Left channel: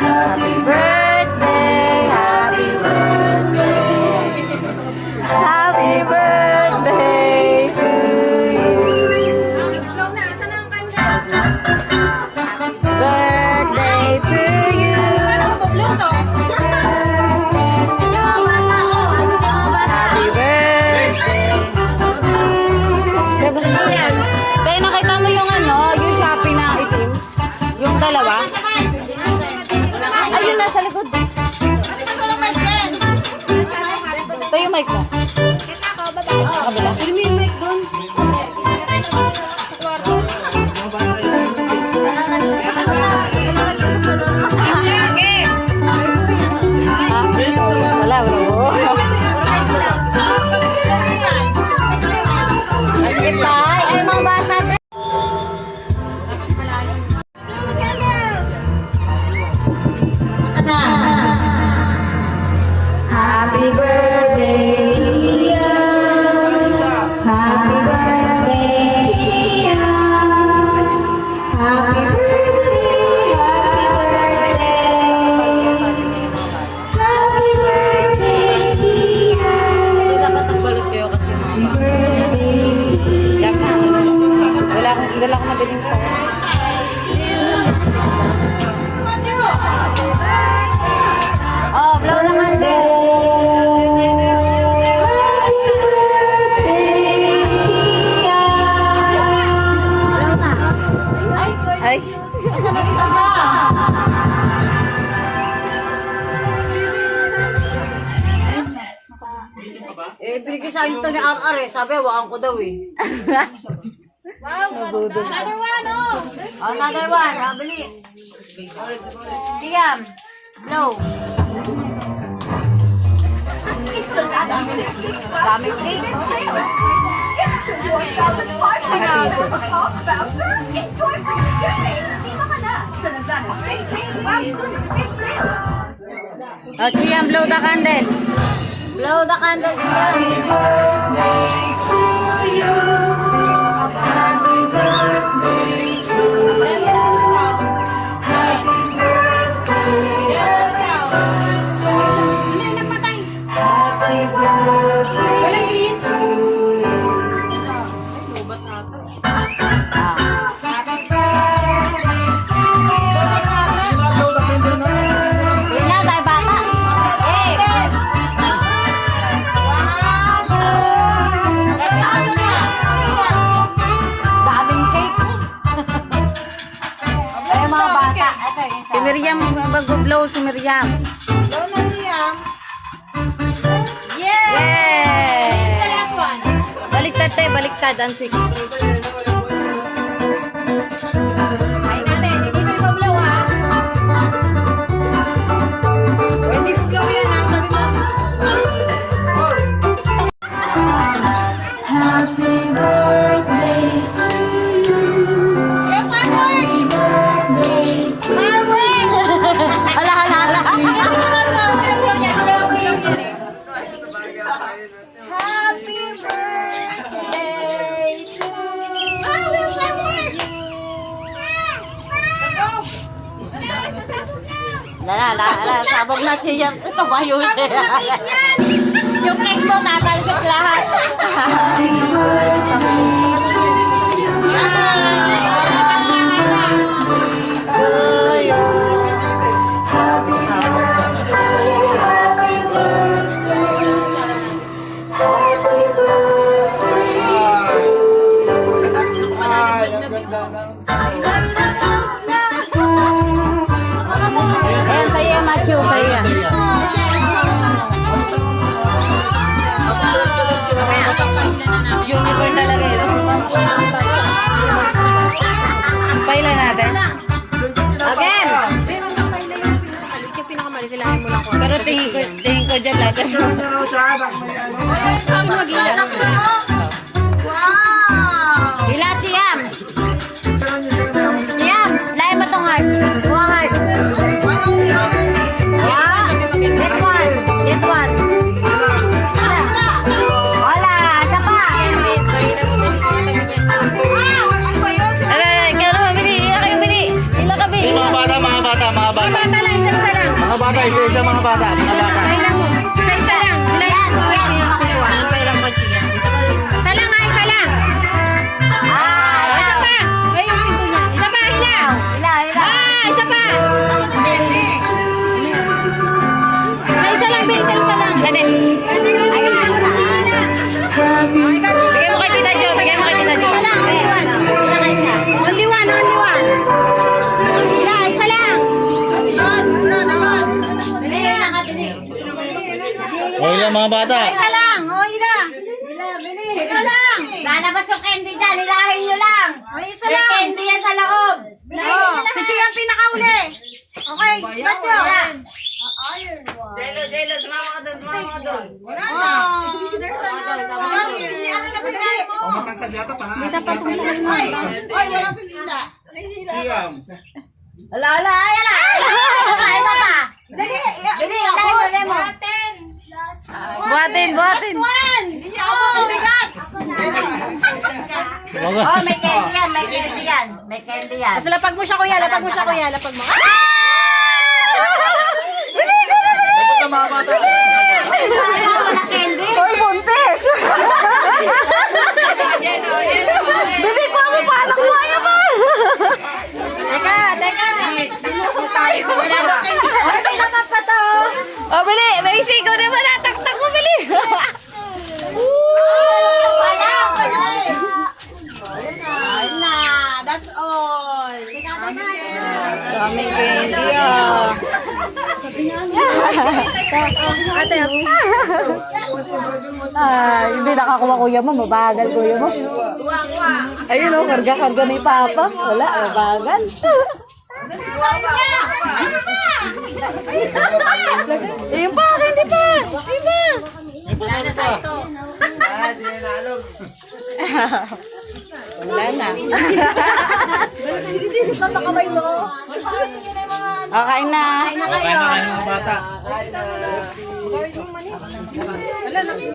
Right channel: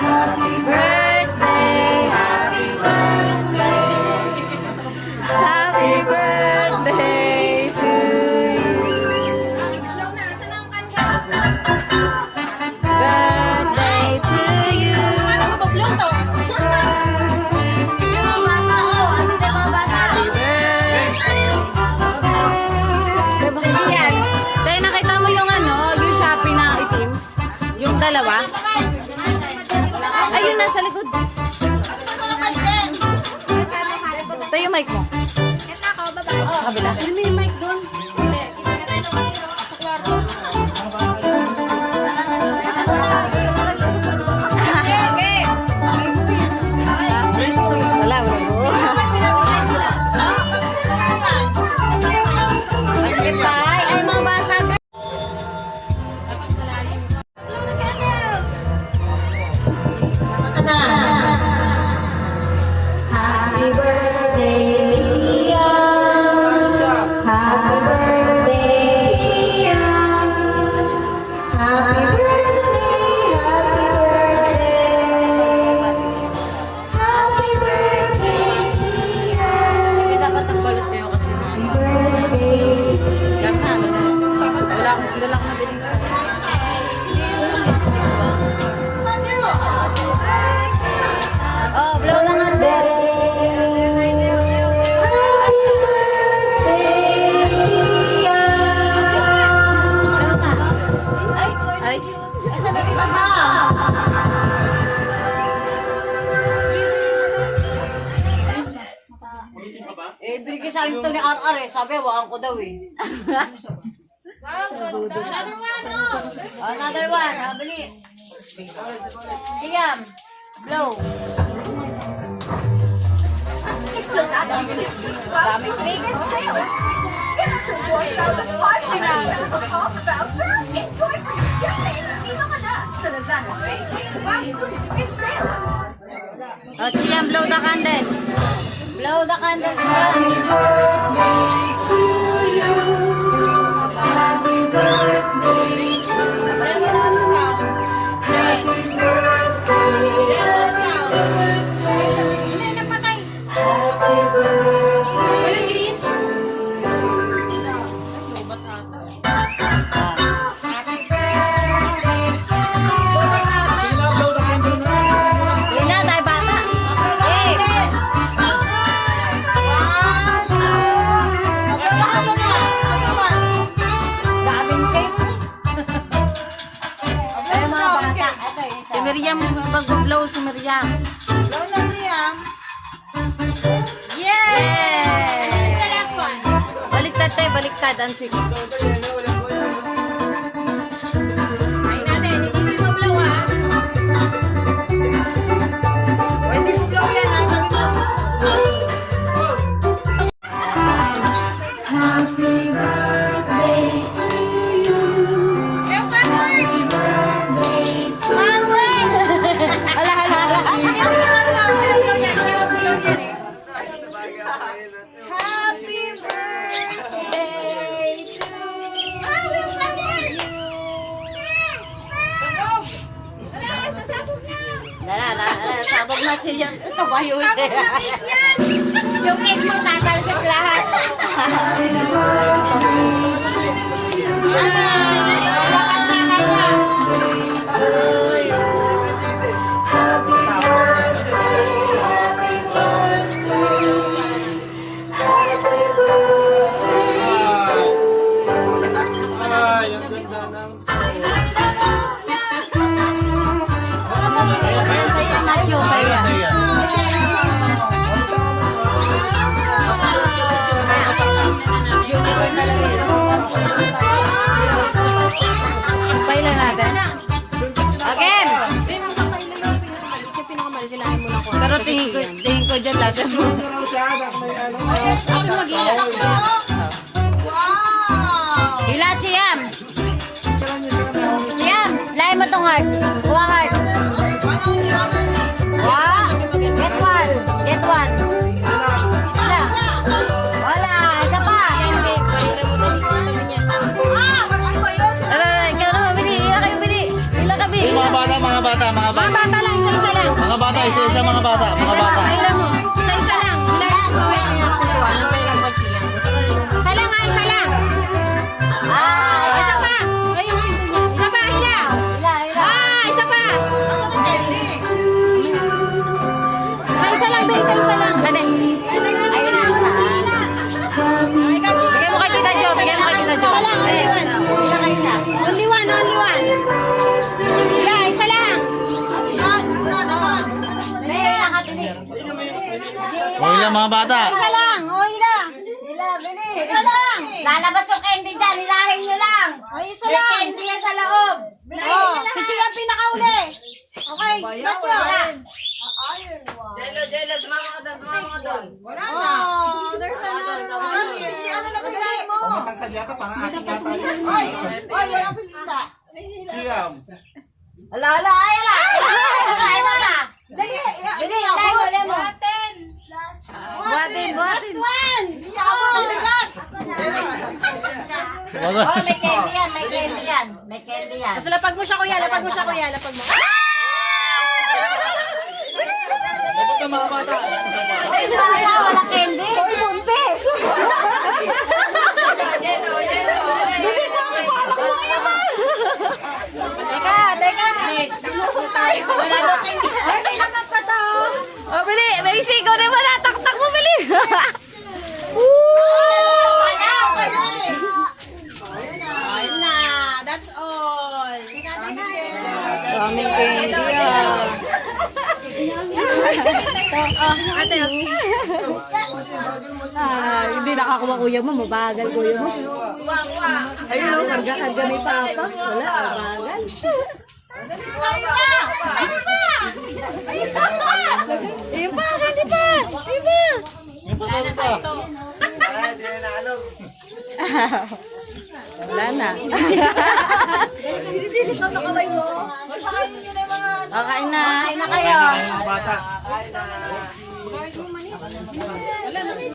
Happy birthday, happy birthday, happy birthday to you. Birthday to you. Happy birthday. Dahil nakita mo yung yung Shopee na itim? Yung dalawa? Ayun, nasa likod. Ito yung mic mo. Sa kabila. Yung mic doon. Sa kwarto. Wala. Basketball. Ay, mga bata. Happy birthday to you. Happy birthday to you. Happy birthday, happy birthday to you. Hindi dapat nagbalot kayo kasi mga bata. Yan na. Wala akong mabiling sa oh, blow lang ande. Happy birthday to you. Blow na. Ay. Asa na kita ba? Binigay sa akin ito ni RR eh. Sabi, wakan ko daw eh. Another one, Another one, habili. Siyam. Blow. Daming cake. At Siyam, blow the candle. Blow the candle. Happy birthday to you. Happy birthday to you. Happy birthday. Happy birthday to Hindi na, tayo bata. Yay! Daming cake. Ay, mga bata. Ito, yung isa. Si Miriam, mag-blow si Miriam. Blow na Miriam. Yay! Baliktad tayo, baliktad. Ang 6. Ay natin, hindi mo mablaw ha. Hindi mo blow yan ha. Happy birthday to you. Happy birthday to you. Hala. Happy birthday to Lala, sabog na siya. Tumayo siya. Yung cake mo tatalsik lahat. Happy birthday to you. Happy birthday, happy birthday. Happy ayan sa'yo, Matthew. Sa'yo yan. Unicorn na lang yun. Pailan natin. Again! Pero tingin ko dyan lahat. Ilat siyam. Siyam, lahat mo tong heart. Buha heart. Get one. Get one. Wala. Isa pa. Ikaw na mabili. Ila kayo bili. Ila kami. Mga bata, bata, mga Mga bata. bata lang, isa-isa lang. Mga bata, isa-isa mga bata. Mga bata. Kailan mo? Isa-isa lang. Isa lang nga, isa lang. Isa pa. Isa pa, hila. Isa pa. Isa-isa lang, be. Isa-isa lang. Ate. Bigay mo kay Tita Jo. Bigay mo kay Tita Jo. Isa lang, only one. Only one, only one. Hila, isa lang. Bigay na ka, Tini. Okay lang mga bata. Isa lang, okay lang. Isa lang. Lalabas yung candy dyan, hilahin nyo lang. Okay, isa May lang. candy yan sa loob. Oh, si Chia ang pinakauli. Okay, ba't yun? Jelo, sumama ka doon, sumama ka doon. Wala na. There's ano na pinay mo? Matangkad yata pa nga. Ay, wala pinila. Siyam. Ala, ayan na. Ayan na. Dali, Dali, ako. Buhatin. Last one. Hindi ako ang bigat. Oh, may candy yan, may candy yan. May candy yan. Basta lapag mo siya, kuya. Lapag mo. Dapat na mga bata. Ay, wala candy. Uy, buntis. Bili ko ako, paano kuha yan ba? Teka. Sinuso tayo. Ay, may laman pa to. Oh, bili. May sigaw na ba na? Tak mo, bili. Ayun na. That's all. Daming candy ah. Ate. Hindi nakakuha kuya mo. Mabagal kuya mo. Ayun o, karga ni Papa. Wala, mabagal. Iba, hindi pa. Iba. May panalo pa. Wala na. Kain na. Mga bata.